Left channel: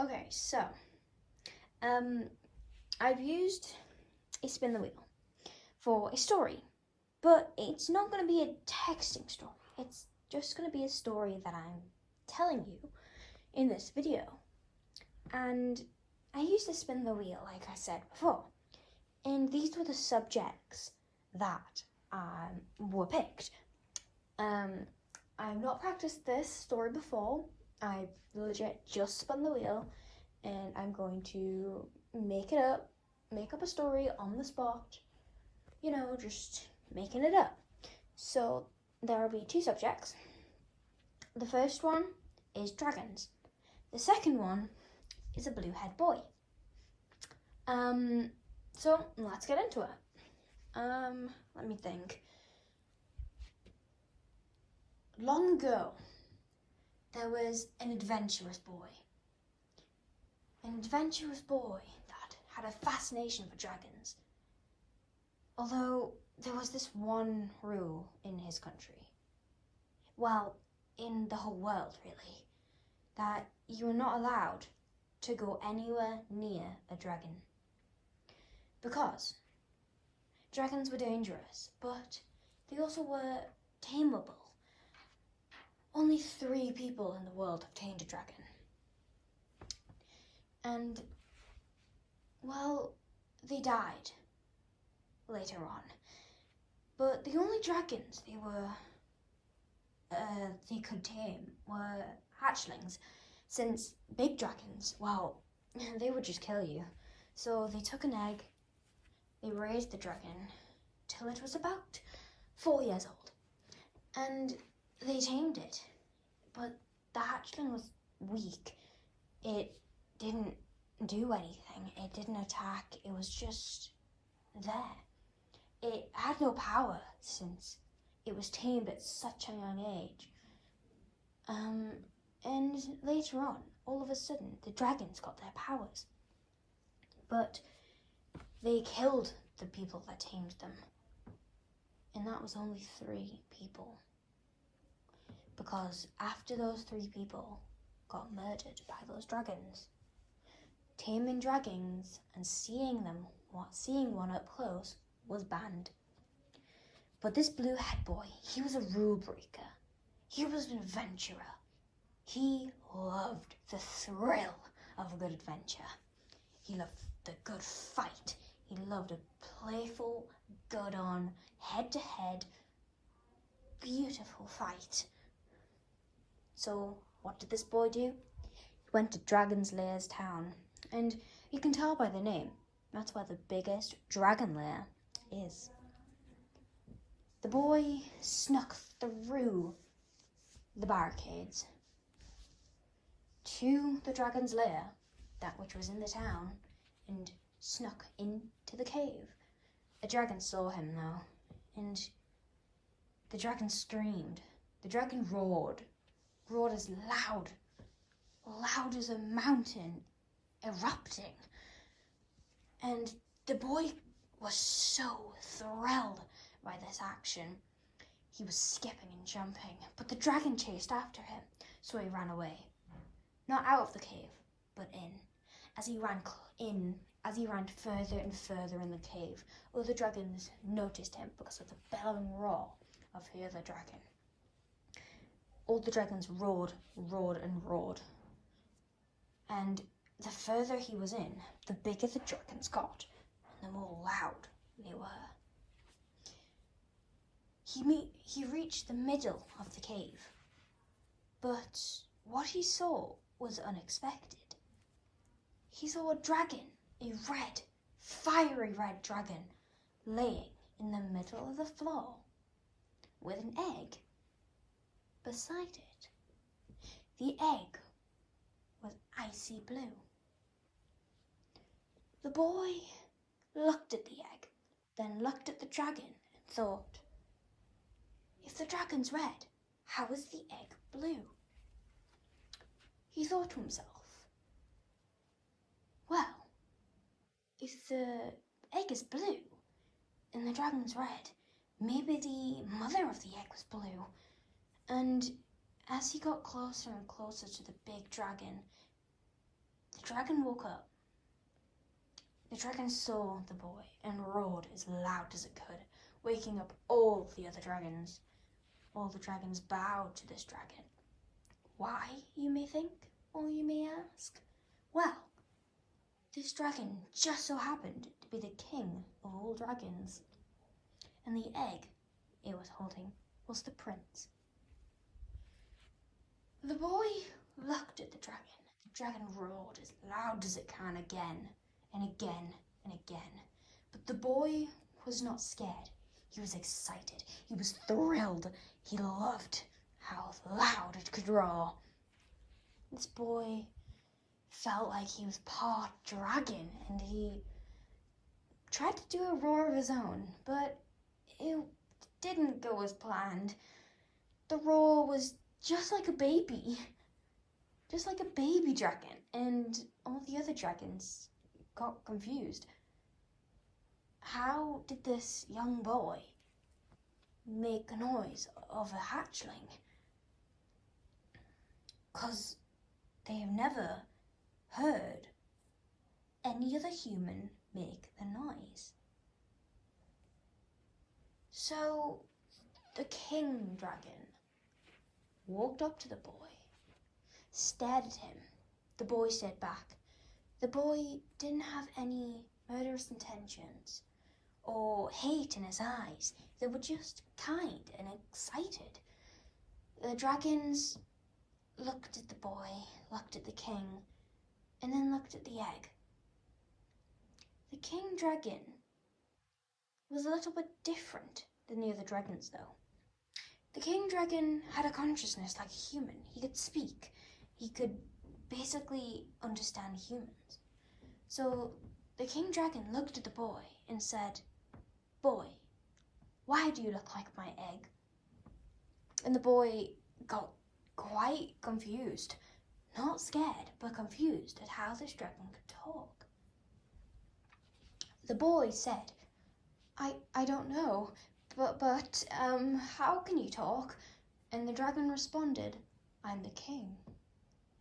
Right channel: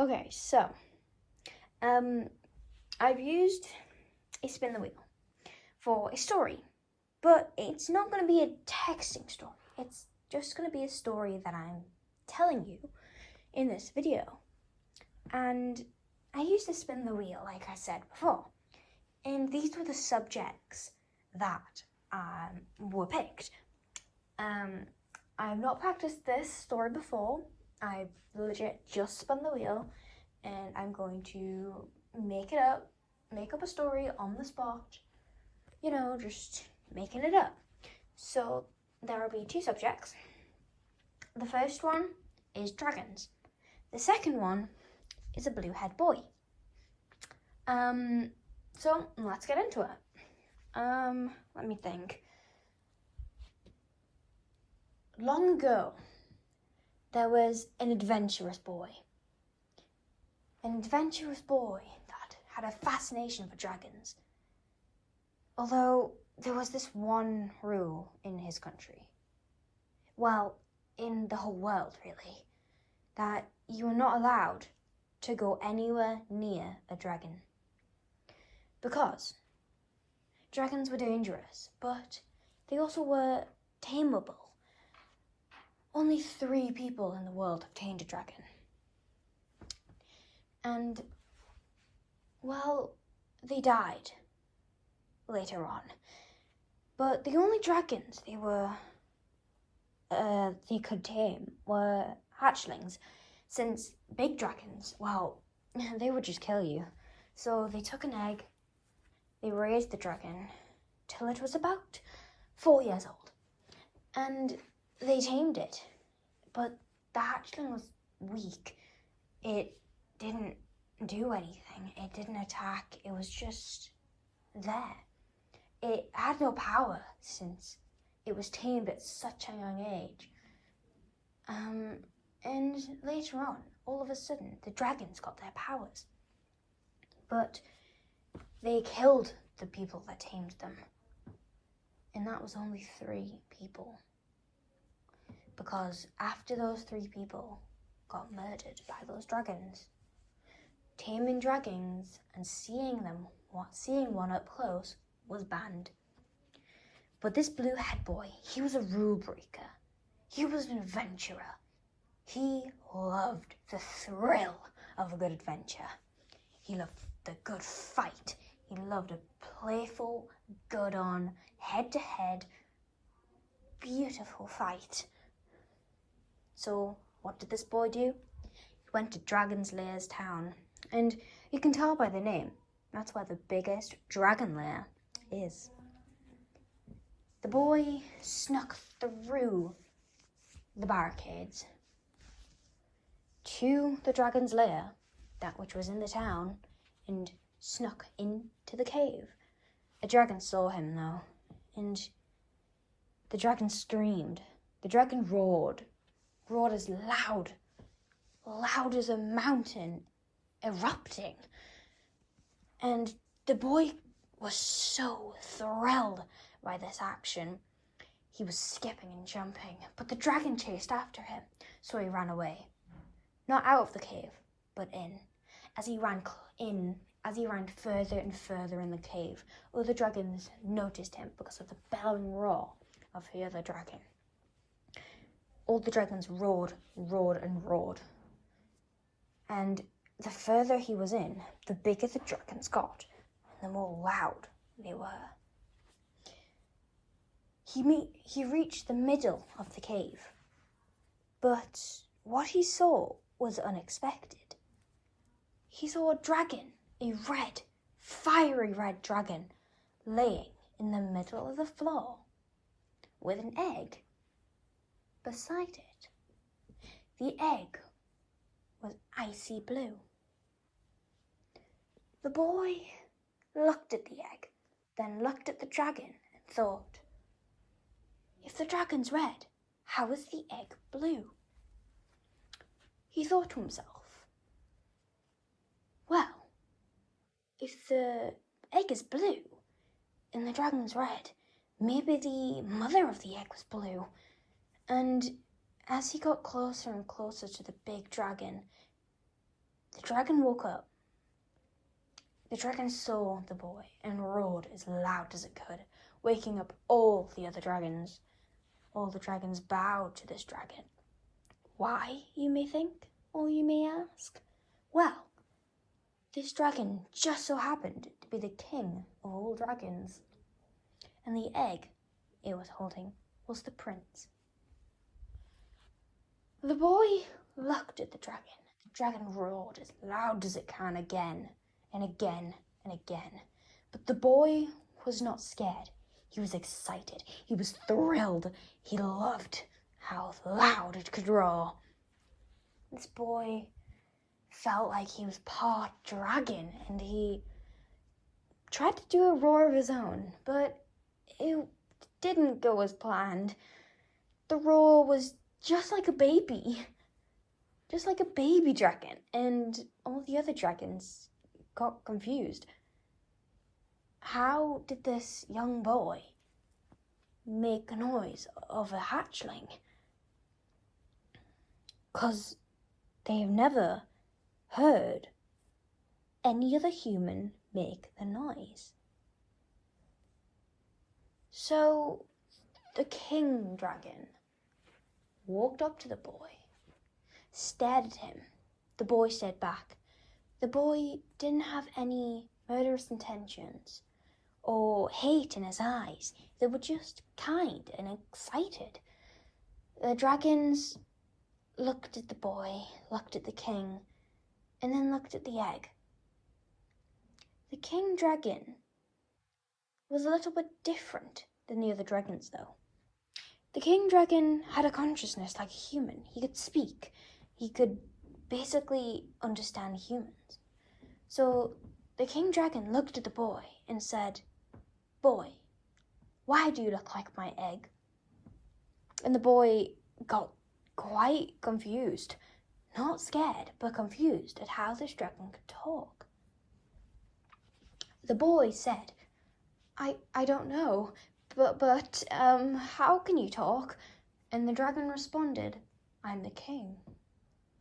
Okay, so I've used a spin the wheel for a story, but it's not going to be a texting story. It's just going to be a story that I'm telling you in this video. And I used to spin the wheel, like I said before, and these were the subjects that were picked. I've not practiced this story before. I've legit just spun the wheel, and I'm going to make up a story on the spot, just making it up. So there will be two subjects. The first one is dragons. The second one is a blue-haired boy. So let's get into it. Let me think. Long ago, there was an adventurous boy. An adventurous boy that had a fascination for dragons. Although there was this one rule in his country. Well, in the whole world, really. That you were not allowed to go anywhere near a dragon. Because dragons were dangerous, but they also were tameable. Only 3 people in the world have tamed a dragon. And, well, they died later on. But the only dragons they could tame were hatchlings, since big dragons, well, they would just kill you. So they took an egg, they raised the dragon till it was about 4 years old, and they tamed it. But the hatchling was weak. It didn't do anything. It didn't attack. It was just there. It had no power since it was tamed at such a young age. And later on, all of a sudden, the dragons got their powers. But they killed the people that tamed them. And that was only 3 people. Because after those 3 people got murdered by those dragons, taming dragons and seeing one up close was banned. But this blue-haired boy, he was a rule breaker. He was an adventurer. He loved the thrill of a good adventure. He loved the good fight. He loved a playful, good-on, head-to-head, beautiful fight. So what did this boy do? He went to Dragon's Lair's town. And you can tell by the name, that's where the biggest dragon lair is. The boy snuck through the barricades to the dragon's lair, that which was in the town, and snuck into the cave. A dragon saw him, though, and the dragon screamed. The dragon roared as loud as a mountain erupting. And the boy was so thrilled by this action. He was skipping and jumping, but the dragon chased after him, so he ran away. Not out of the cave, but in. As he ran further and further in the cave, other dragons noticed him because of the bellowing roar of the other dragon. All the dragons roared and roared. And the further he was in, the bigger the dragons got, and the more loud they were. He reached the middle of the cave, but what he saw was unexpected. He saw a dragon, a red, fiery red dragon, laying in the middle of the floor with an egg beside it. The egg was icy blue. The boy looked at the egg, then looked at the dragon and thought, if the dragon's red, how is the egg blue? He thought to himself, well, if the egg is blue and the dragon's red, maybe the mother of the egg was blue. And as he got closer and closer to the big dragon, dragon woke up. The dragon saw the boy and roared as loud as it could, waking up all the other dragons. All the dragons bowed to this dragon. Why, you may think, or you may ask? Well, this dragon just so happened to be the king of all dragons, and the egg it was holding was the prince. The boy looked at the dragon. The dragon roared as loud as it can again and again and again. But the boy was not scared. He was excited. He was thrilled. He loved how loud it could roar. This boy felt like he was part dragon, and he tried to do a roar of his own, but it didn't go as planned. The roar was just like a baby dragon, and all the other dragons got confused. How did this young boy make a noise of a hatchling? 'Cause they have never heard any other human make the noise. So the king dragon walked up to the boy, stared at him. The boy stared back. The boy didn't have any murderous intentions or hate in his eyes. They were just kind and excited. The dragons looked at the boy, looked at the king, and then looked at the egg. The king dragon was a little bit different than the other dragons, though. The king dragon had a consciousness like a human. He could speak. He could basically understand humans. So the king dragon looked at the boy and said, "Boy, why do you look like my egg?" And the boy got quite confused. Not scared, but confused at how this dragon could talk. The boy said, I don't know, but how can you talk?" And the dragon responded, "I'm the king.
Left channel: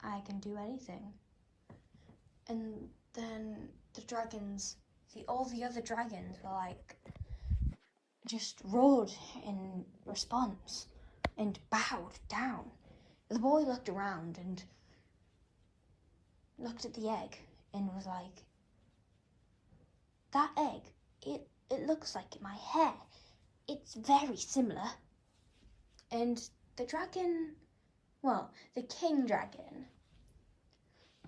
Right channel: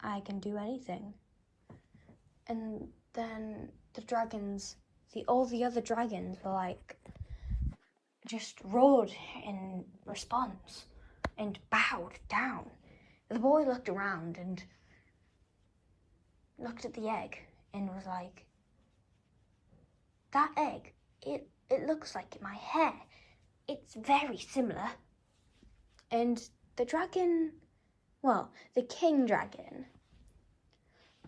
I can do anything." And then all the other dragons were like, just roared in response and bowed down. The boy looked around and looked at the egg and was like, "That egg, it looks like my hair. It's very similar." And the king dragon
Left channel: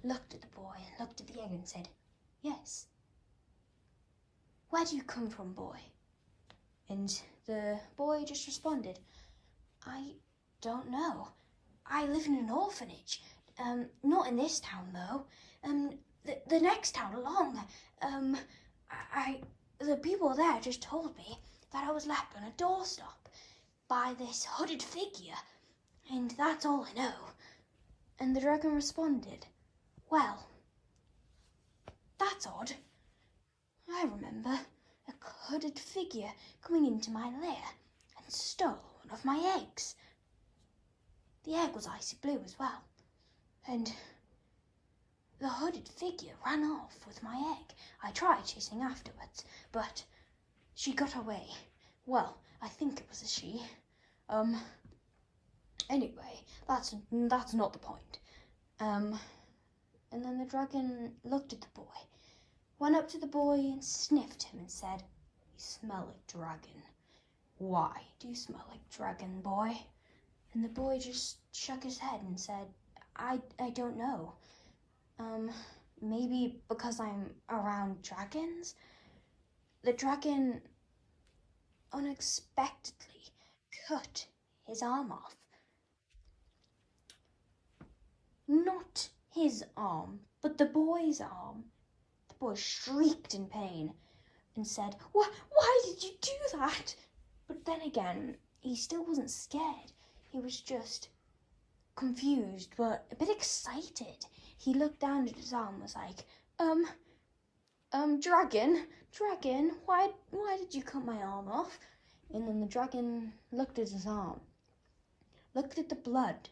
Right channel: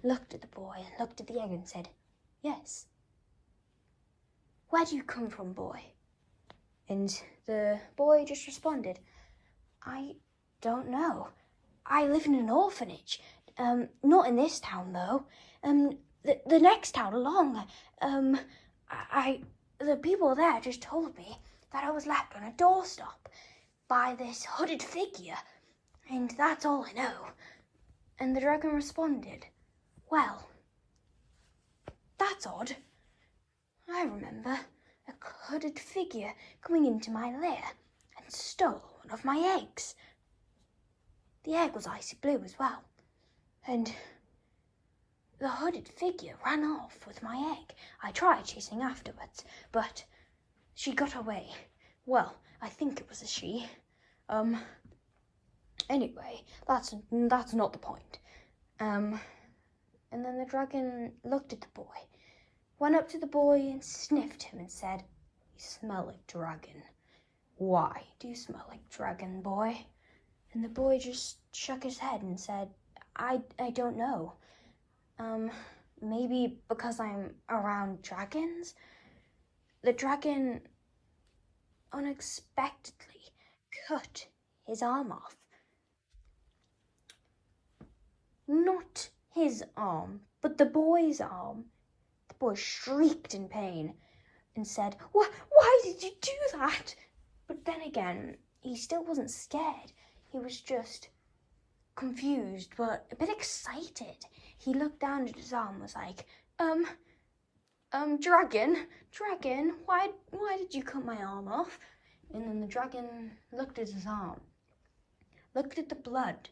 looked at the boy and looked at the egg and said, "Yes. Where do you come from, boy?" And the boy just responded, "I don't know. I live in an orphanage. Not in this town, though. The next town along. The people there just told me that I was left on a doorstop by this hooded figure, and that's all I know." And the dragon responded, "Well, that's odd. I remember a hooded figure coming into my lair and stole one of my eggs. The egg was icy blue as well, and the hooded figure ran off with my egg. I tried chasing afterwards, but she got away. Well, I think it was a she. Anyway, that's not the point." And then the dragon looked at the boy, went up to the boy and sniffed him and said, "You smell like dragon. Why do you smell like dragon, boy?" And the boy just shook his head and said, I don't know. Maybe because I'm around dragons?" The dragon unexpectedly cut his arm off. Not his arm, but the boy's arm. The boy shrieked in pain and said, Why did you do that?" But then again, he still wasn't scared. He was just confused, but a bit excited. He looked down at his arm and was like, dragon, why did you cut my arm off?" And then the dragon looked at his arm, looked at the blood,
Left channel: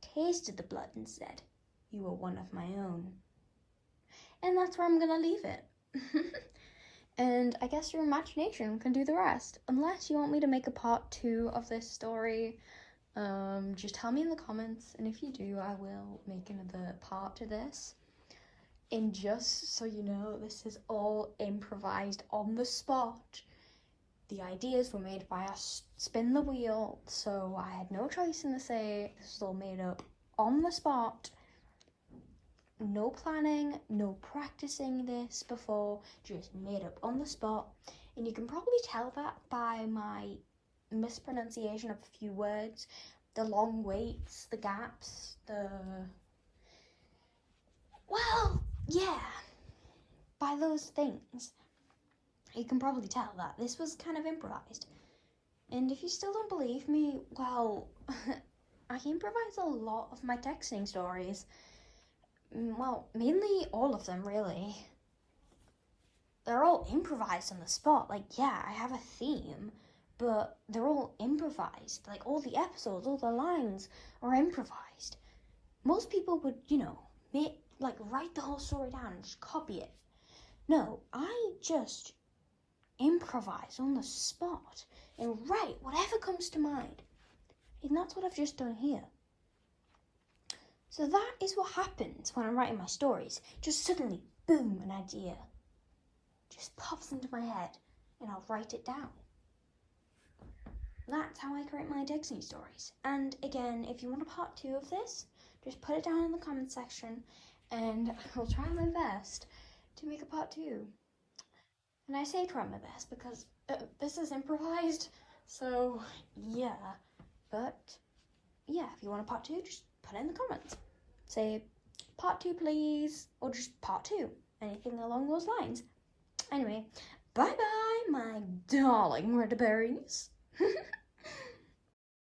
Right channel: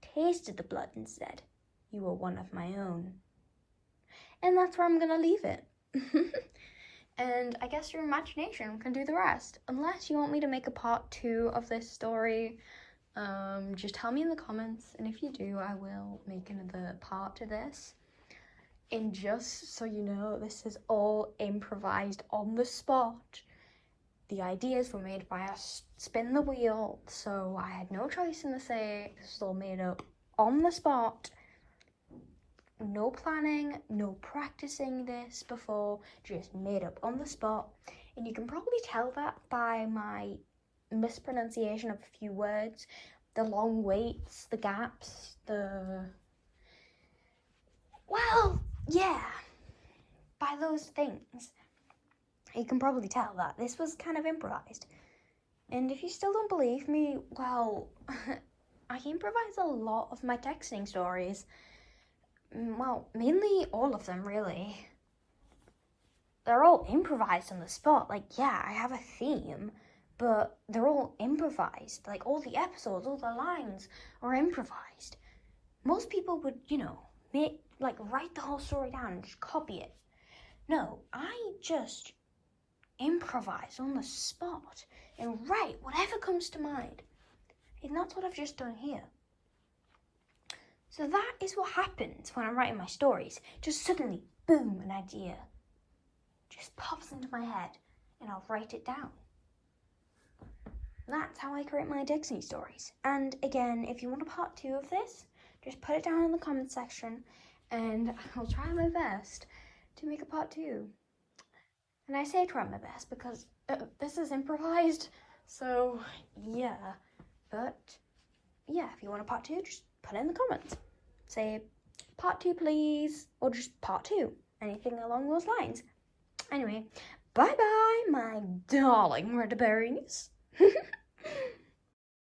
tasted the blood and said, "You are one of my own." And that's where I'm gonna leave it. And I guess your imagination can do the rest. Unless you want me to make a part 2 of this story, just tell me in the comments, and if you do, I will make another part to this. And just so you know, this is all improvised on the spot. The ideas were made by a spin the wheel, so I had no choice in the say. This was all made up on the spot. No planning, no practicing this before, just made up on the spot. And you can probably tell that by my mispronunciation of a few words, the long waits, the gaps, well, yeah, by those things. You can probably tell that this was kind of improvised. And if you still don't believe me, well, I improvise a lot of my texting stories. Well, mainly all of them, really. They're all improvised on the spot. Like, yeah, I have a theme, but they're all improvised. Like, all the episodes, all the lines are improvised. Most people would, write the whole story down and just copy it. No, I just improvise on the spot and write whatever comes to mind. And that's what I've just done here. So that is what happens when I'm writing my stories. Just suddenly, boom, an idea just pops into my head and I'll write it down. That's how I create my texting stories. And again, if you want a part 2 of this, just put it down in the comment section and I'll try my best to make a part 2. And I say try my best because this is improvised, so yeah. But yeah, if you want a part 2, just put it in the comments. Say part 2 please, or just part 2, anything along those lines. Anyway, bye bye my darling red berries.